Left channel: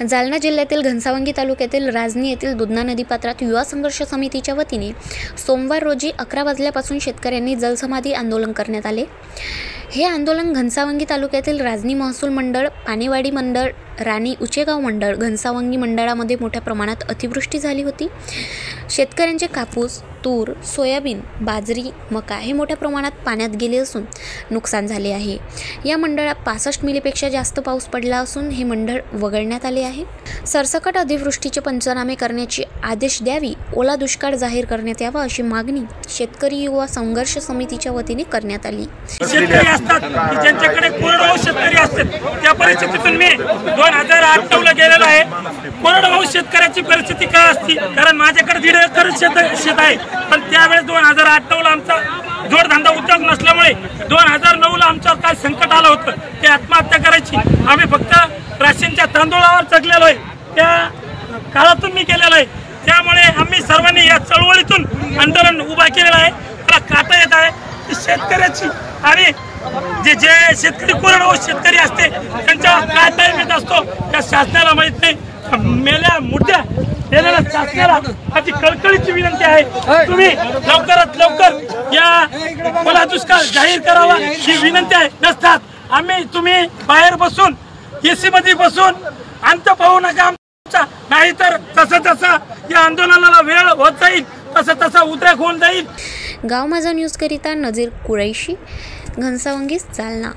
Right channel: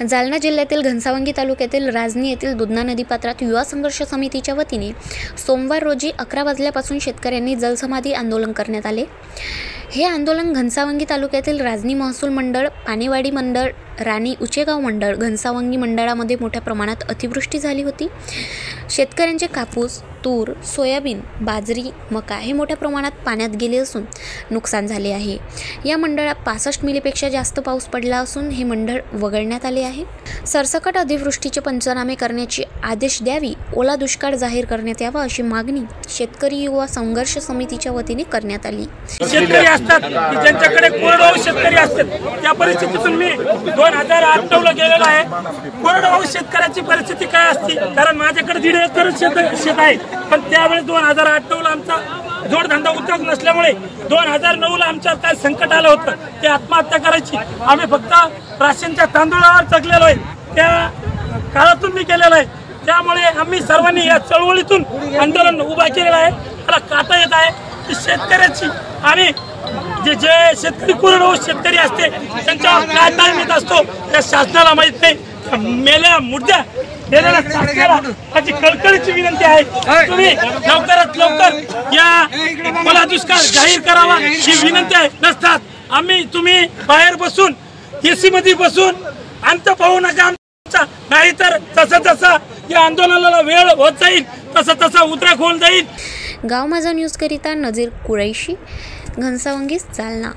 जालना जिल्ह्यातील घनसावंगी तालुक्यातील राजनी येथील दुधना नदीपात्रात युवा संघर्ष समितीच्या वतीने सोमवार रोजी 11 वाजल्यापासून शेतकऱ्यांनी जलसमाधी आंदोलन करण्यात आले। हे आंदोलन घनसावंगी तालुक्यातील राजनी महसूल मंडळ, पानेवाडी मंडळ, राणी उचेगाव मंडळ, घनसावंगी मंडळामध्ये मोठ्या प्रमाणात अतिवृष्टी झाली होती। शेतकऱ्यांचे कापूस, तूर, सोयाबीन, बाजरी, मका हे मोठ्या प्रमाणात पाण्यात गेले असून नुकसान झाले आहे। या मंडळात 65 मिलीपेक्षा जास्त पाऊस पडला असून हे मंडळ वगळण्यात आले आहे। सरसकट अतिवृष्टीचे पंचनामे करण्याचे आदेश द्यावी, ओला दुष्काळ जाहीर करण्यात यावा अशी मागणी शेतकरी युवा संघर्ष समितीच्या वतीने करण्यात आली। शेतकरी असतात की ज्यांच्याकडे कोरडवाहू शेतकरी असतात, त्या परिस्थितीतून मी 2008 ला गेलेला आहे। कोरडवाहू शेतकऱ्याची परिस्थिती काय असते, कारण माझ्याकडे 1.5 एकर शेत आहे, पण त्यावेळेस 2008 ला आमचा जोडधंदा उद्योग नसल्यामुळे 2009 ला आमच्यावर काय संकट आलं होतं, ते आत्महत्या करायची। आम्ही फक्त राशनच्या तांदूळावर जगलेलो आहे, त्या काळातून मी गेलेलो आहे। त्यामुळे आम्ही सर्वांनी या चळवळीतून आंदोलन उभा केलेलं आहे। मला काटा येत आहे की शेतकऱ्याची आणि जे शेतकरी कोरडवाहू शेतकरी असते त्यांच्यावर काय टाइम येत असतो त्या शासनाला माहित नाही। मेल्या मुर्द्या दिलेल्या शासनाला त्याची कळकळीची विनंती आहे, तुम्ही लवकरात लवकर या ओला दुष्काळ जाहीर करावा ही विनंती आहे। नसतात आम्ही तुम्ही बाहेर बसून एसी मध्ये बसून अंत पाहू नका आमचा, नाहीतर जसं या आंदोलनाला वेळ होत जाईल तसं उद्रेक होऊन जाईल। गाव माझा न्यूज करिता नजीर कुरैशी, घनसावंगी, जालना।